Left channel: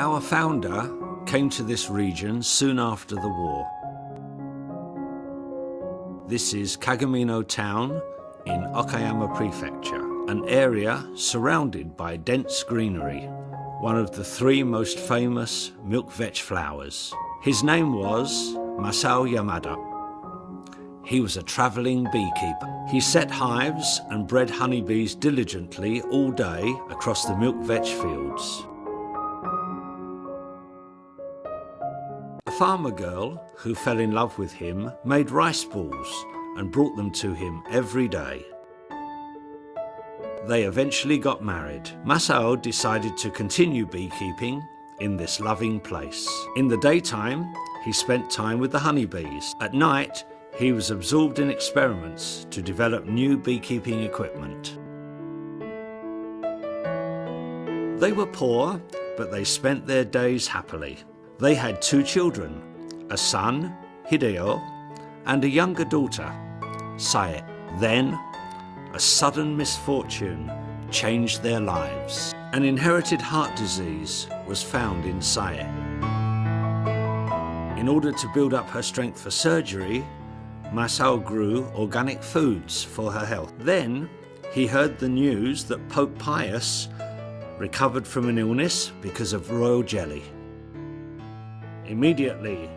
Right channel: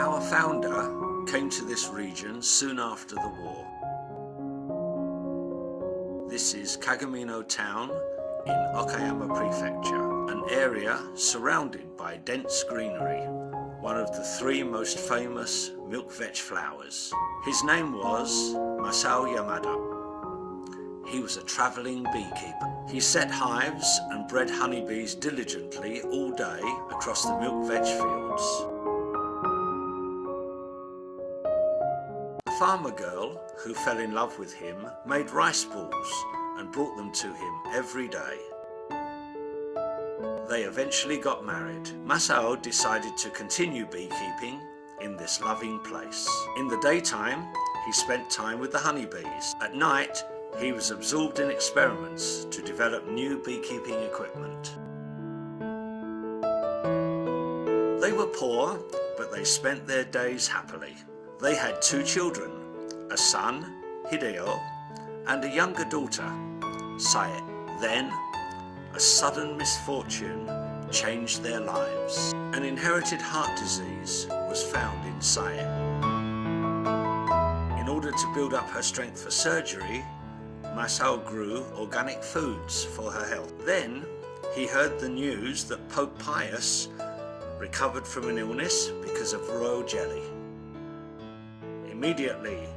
Our founder came to this region soon after the war. This is Kagamino town in Okayama Prefecture, an area surrounded by dense greenery, one of the 3 most famous milk vetch flowers. His name was Masao Yamada. He was a travelling beekeeper. He set hives and bred honeybees diligently all day across the milk vetch fields. The farmer girl, who fell in love with him, made rice balls and brought them to him every day. They eventually got married. Masao decided to continue beekeeping in this loving place. In the daytime, he spent time with the honeybees. At night, he was absorbed in experiments to develop new beekeeping equipment. They were poor, but they spent their days happily. They had 2 children, a son, Hideo, and a younger daughter, Sae. Then, a sudden misfortune changed their lives. An inherited heart disease was found in Sae. In order to build up her strength for surgery, Masao grew organic foods for her health. Then, he heard the news that Pope Pius recovered from an illness because of royal jelly. Immediately,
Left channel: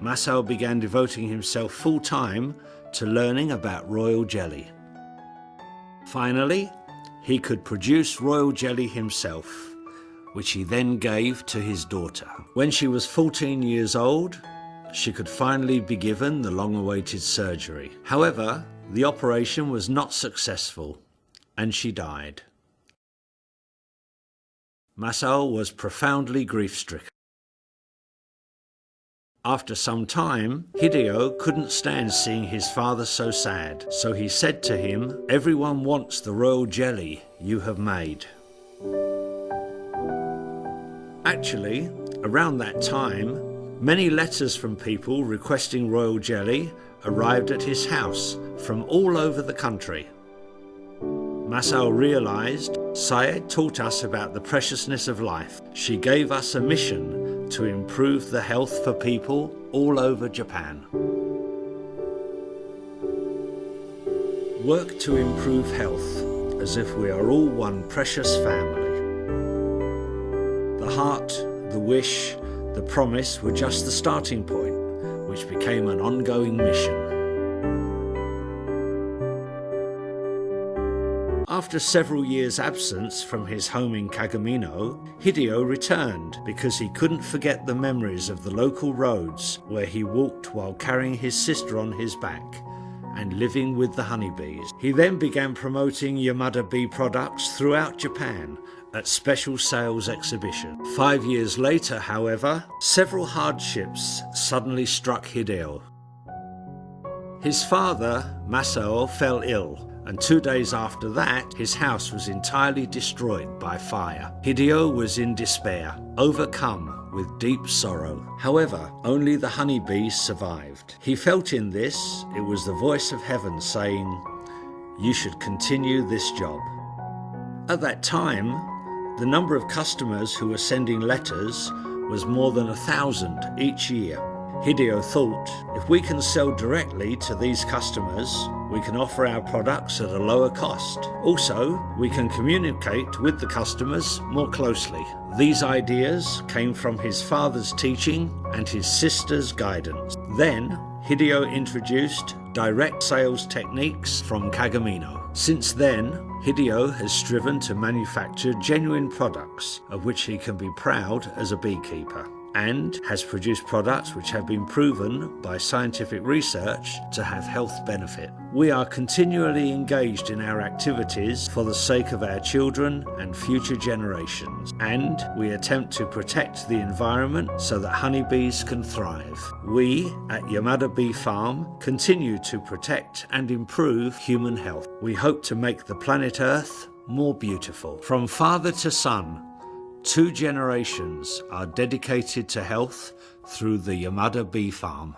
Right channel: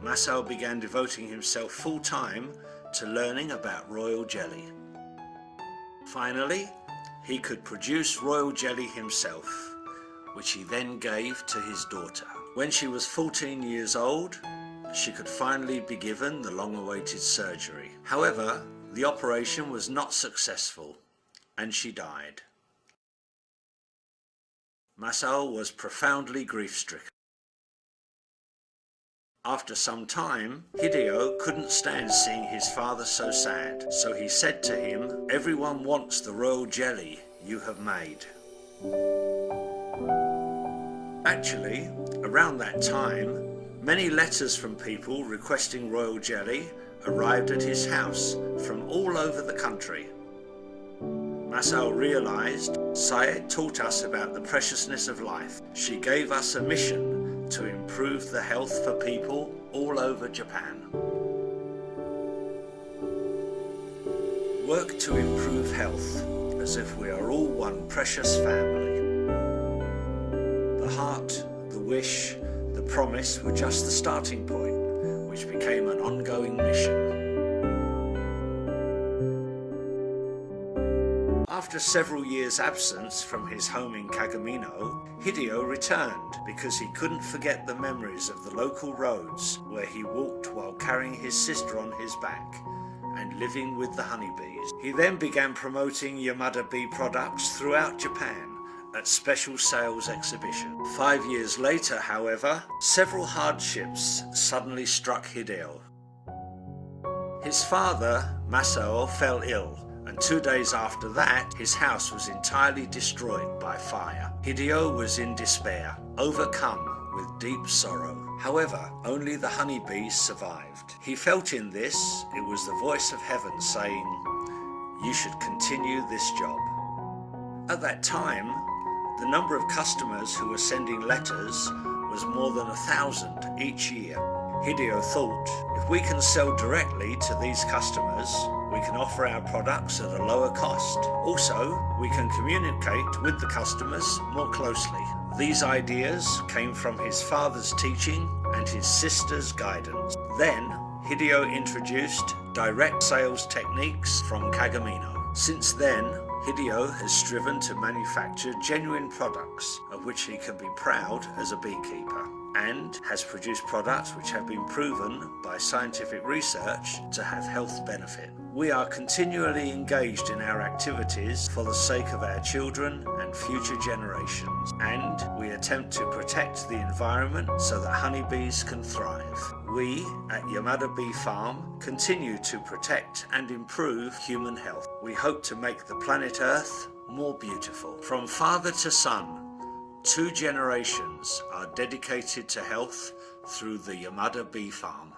Masao began devoting himself full-time to learning about royal jelly. Finally, he could produce royal jelly himself, which he then gave to his daughter. When she was 14 years old, she could finally be given the long-awaited surgery. However, the operation was not successful, and she died. Masao was profoundly grief-stricken. After some time, Hideo couldn't stand seeing his father so sad, so he said to him, "Everyone wants the royal jelly you have made." Actually, around that time, many letters from people requesting royal jelly arrived at his house from all over the country. Masao realized Sae taught us about the preciousness of life. She gave us a mission to improve the health for people all over Japan. Work to improve health as if we are all one precious family. The heart, the wish, the promise were just the starting point, which became an ongoing mission. After several years' absence from his home in Kagamino, Hideo returned because he couldn't forget the memories of the local roads where he walked while carrying his sister on his back and living with the honeybees. He then began promoting Yamada Bee products throughout Japan at special sales exhibitions. 5 years later, however, several hardships suddenly struck Hideo. His father, Masao, fell ill, and 2 days after that, his house was entirely destroyed by fire. Hideo was in despair, overcome with deep sorrow. However, only the honeybees survived. He felt in this, it was the voice of heaven saying, "You should continue this job." At that time, the number of customers who were sending letters was more than 1,000 each year. Hideo thought, if we can sell directly to these customers, we can offer our products at a lower cost. Also, we can communicate with the customers more closely. These ideas came from his father's teaching and his sister's guidance. Then, Hideo introduced direct sales techniques from Kagamino. Since then, Hideo has striven to manufacture genuine products of which he can be proud as a beekeeper, and has produced products which have been proven by scientific research to have health benefit. We are continually engaged in our activities for the sake of our children and future generations, and we attempt to protect the environment so that honeybees can thrive. We at Yamada Bee Farm continue to protect and improve human health. We hope to make the planet Earth more beautiful. From father to son, 2 generations are dedicated to health through the Yamada Bee Farm.